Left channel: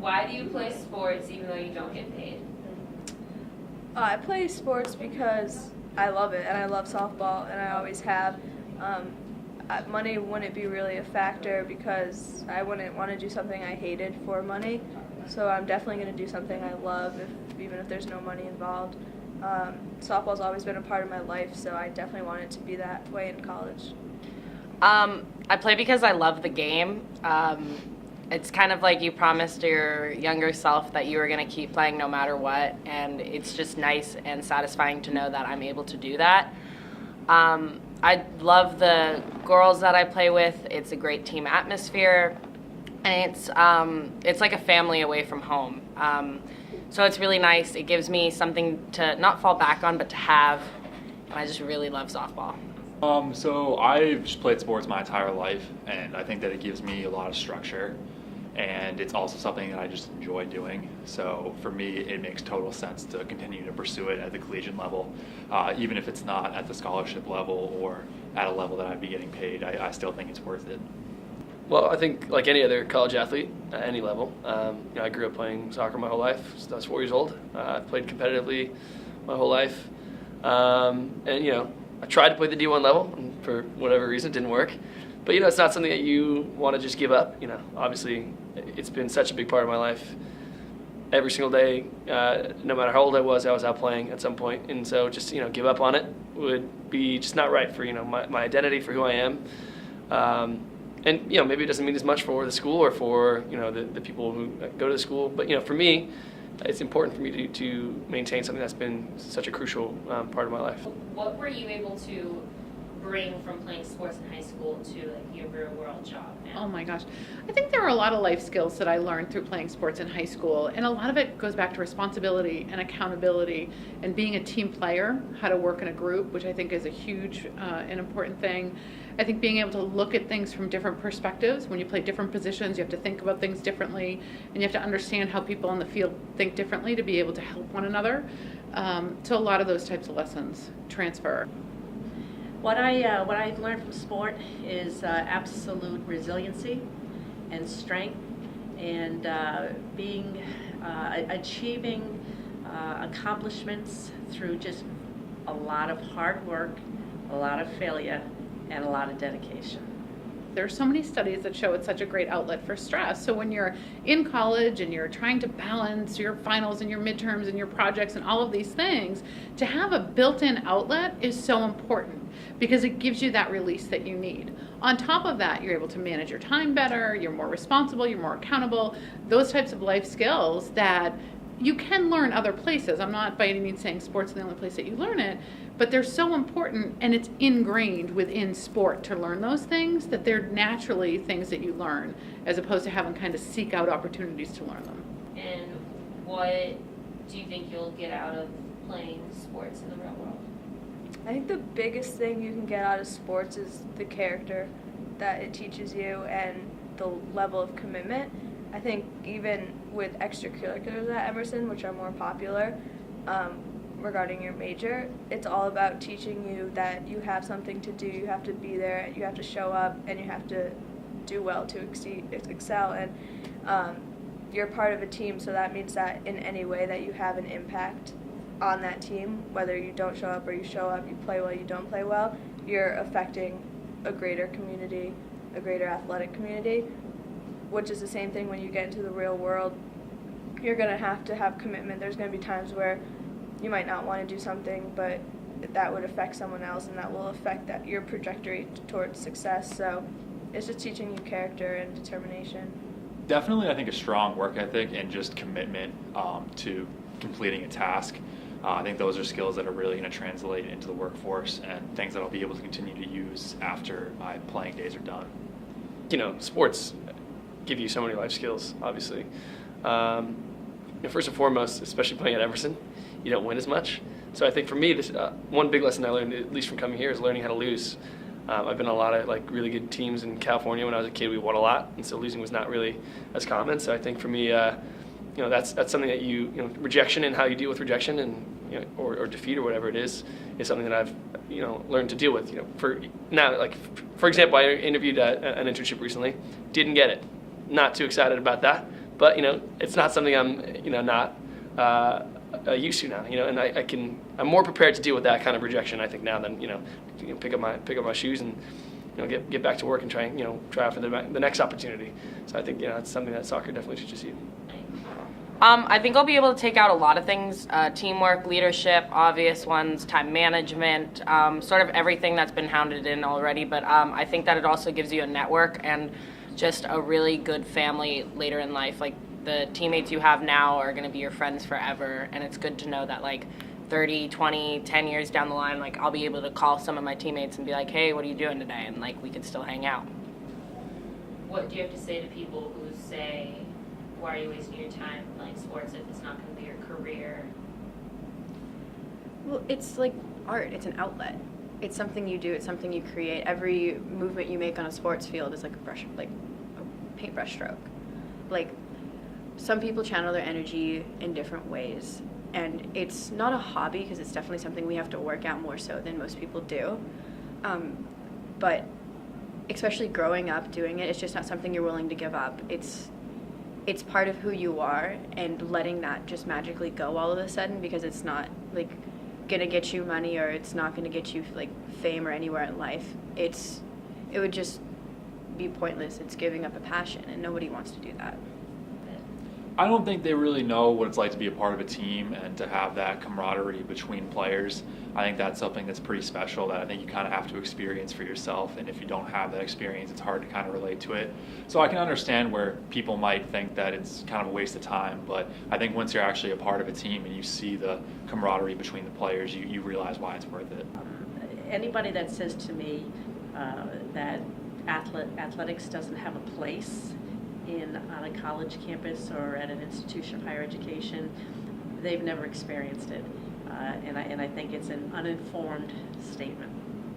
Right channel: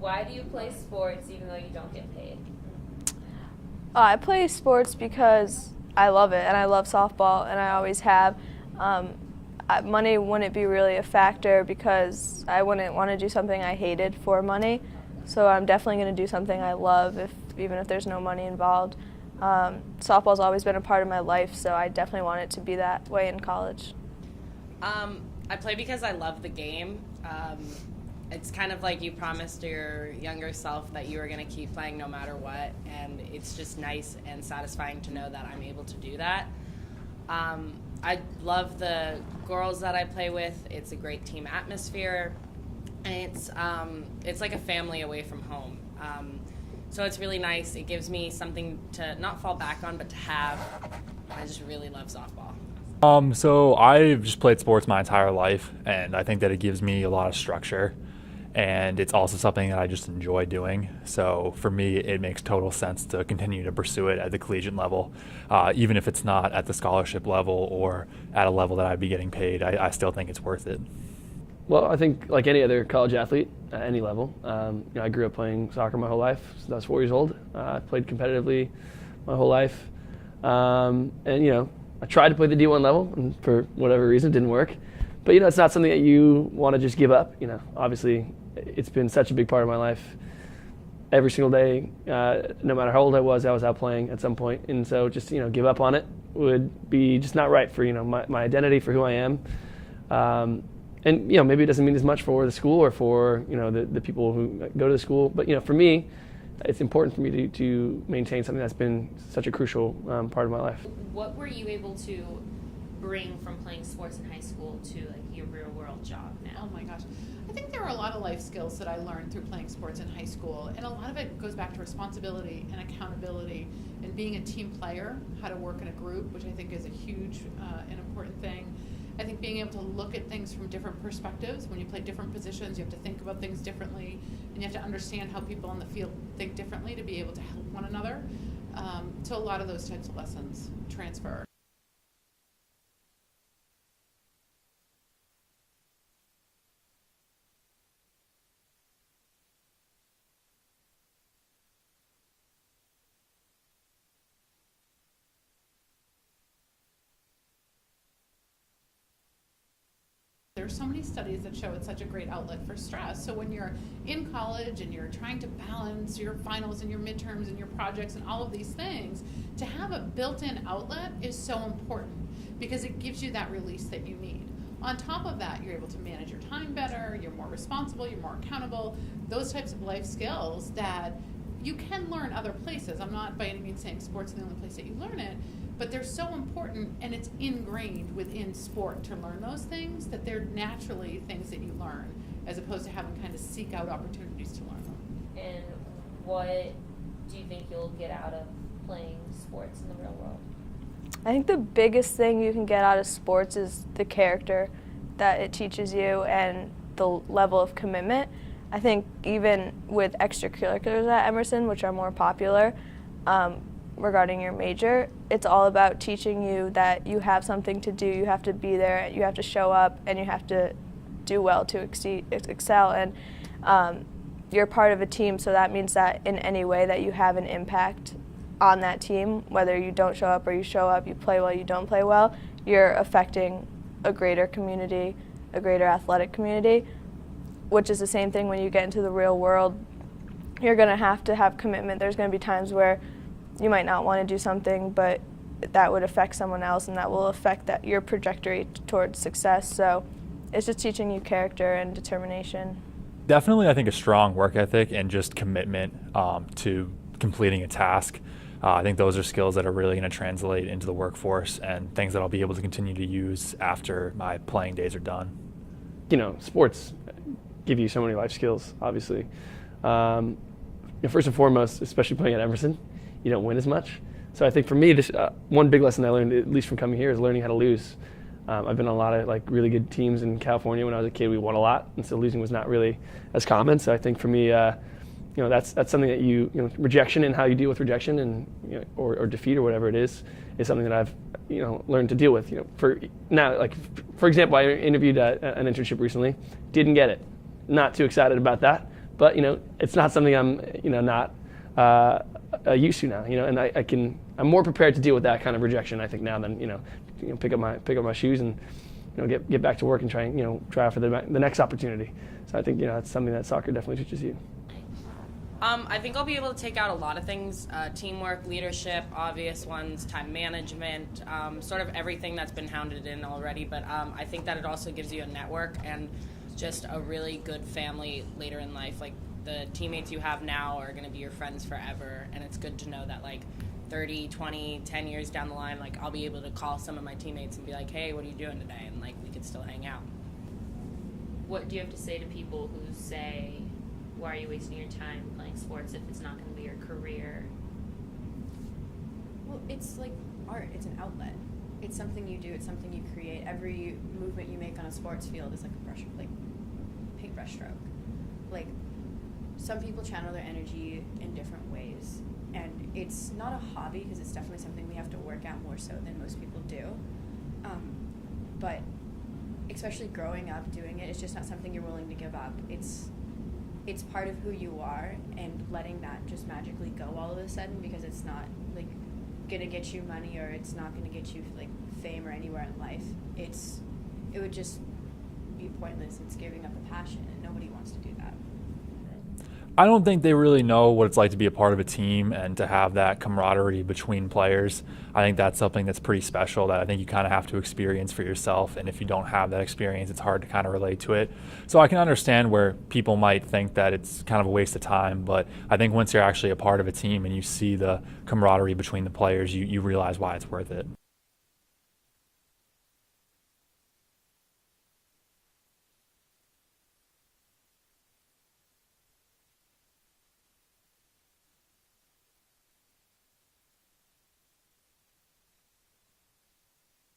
Why do you play sports even though you don't get paid? I play sports because I love it, and I love softball, and I always have. Money wouldn't be really a factor because I wouldn't want to do something I hated for money. So I'm definitely going to do something I love, even if there's no money involved. Softball's always been a part of my life, so I definitely want it to be that way in college. I play because I love the game. It's kind of like you promised your younger self that you were going to keep playing no matter what, and it's just nice and satisfying to know that I'm able to do that. I love the girls that I play with. It's a great team atmosphere, and it's like a family away from home. So it's really nice. It gives me something to not fall back on, but to have. I just really love softball. So I've just played sports my entire life, and I think that it gives me a lot of structure, and it's also something that I just enjoy doing. So for me, it makes total sense to continue to pursue it at the collegiate level, even if it's not at the scholarship level or at a level that I'd be getting paid. I still think it's worth it. Well, I think like any other college athlete at any level, I grew up playing soccer my whole life since I was 4 years old. I played competitively my whole life, and I tried to play the D1 level, and for whatever reason, it didn't work. But it's not something that you want to just give up. Obviously, it's been such a big part of my life. Every single day, no matter how old I was out playing at some point, and so just give up on it would be just not right for my identity, for who I am. And maybe it doesn't mean as much for the school or for the people who go to the school, but for me, it's important for me to maintain something that's been such a crucial part of my life. What were you able to bring from playing sports in high school to like your real world job now? Oh my gosh. I think there were a lot of life skills that I learned through playing sports in high school, and a lot of it goes back to responsibility and accountability and being a team player, how to work in a group, which I think is a huge and important thing. I think being able to look at things from different perspectives. When you play different positions, you have to think about things differently, and you have to understand how people on the field think differently to be able to help one another. So a lot of those types of lessons transfer. What I've learned from sport is absolute resiliency and strength, and achieving accomplishments through just a lot of hard work, a lot of failure, and a lot of dedication. There's so many studies that show it's such a great outlet for stress. So when you're in college and you're trying to balance your finals and your midterms and your projects and all of these things, to have a built-in outlet is so important because it gives you that release that you need. On top of that, you're able to manage your time better, you're more responsible, you're more accountable, those types of life skills that you can learn other places. I'm not by any means saying sports is the only place that you learn it, but they're so important, and it's ingrained within sport to learn those things that they're naturally things that you learn, as opposed to having kind of seek out opportunities to learn them. And what do you think you'll get out of playing sports in the real world? I think the biggest thing you can get out of sports is the character that it teaches you and the level of commitment. I think even with extracurriculars at Emerson, which are more popular, regarding your major, it's all about teaching you that you have something to do, you have to be there, you have to show up, and you have to do well to excel. And you're part of a team, so that means that in any way that you have an impact on that team, whether you don't show up or you show up, you play well, you don't play well, you're affecting a greater community, a greater athletic community, which is the same thing when you get into the real world. You're going to have commitment. There's going to be times where you might not want to do something, but that would affect someone else, and that will affect your trajectory towards success. So it's just teaching you character and determination. Definitely, I think a strong work ethic and just commitment to completing a task. I think those are skills that are really going to translate into the workforce and things that I'll be able to continue to use after my playing days are done. Sports give you so many life skills, obviously. First and foremost, especially playing at Emerson, you don't win as much. So I think for me, this one big lesson I learned, at least from coming here, is learning how to lose. I've been on a lot of really good teams in California. When I was a kid, we won a lot, and so losing was not really as common. So I think for me, that's something that rejection and how you deal with rejection and or defeat or whatever it is something that I've learned to deal with. For example, I interviewed an internship recently, didn't get it. Not too excited about that, but it's not something I'm not used to now. And I'm more prepared to deal with that kind of rejection, I think, now than pick up my shoes and get back to work and try out for the next opportunity. So I think it's something that soccer definitely teaches you. I think I'll be able to take out a lot of things, teamwork, leadership, obvious ones, time management, sort of everything that's been hounded in already. But I think that it also gives you a network and just a really good family later in life. Like, the teammates you have now are going to be your friends forever, and it's good to know that, like, 30, 20, 10 years down the line, like, I'll be able to call some of my teammates and be like, hey, what are you doing today? And, like, we could still hang out. What do you have to say to people who say, why are you wasting your time playing sports if it's not going to be your career? Well, it's like art. It's an outlet. It's something you do. It's something you create. Every movement you make on a sports field is like a paintbrush stroke. Like, some people channel their energy in different ways, and it's not a hobby because it's definitely something we have to work at more so than most people do. But especially growing up doing it, it's just not something you're willing to give up. It's part of who you are, and letting that just magically go all of a sudden because it's not like gonna get you money or it's not gonna get you like fame or anywhere in life. It would just be pointless. It's giving up a passion, and nobody wants to do that. I don't think they really know what it's like to be a part of a team and to have that camaraderie between players. I think that's something that's pretty special that I think you kind of have to experience for yourself. And if you don't have that experience, it's hard to kind of relate to it. So I can understand where people might think that it's kind of a waste of time. But I think once you're actually a part of a team and you see the camaraderie between the players, you realize why it's worth it. Anybody that says to me that athletics doesn't have a place on a college campus or at an institution of higher education, they've never experienced it, and I think it's an uninformed statement.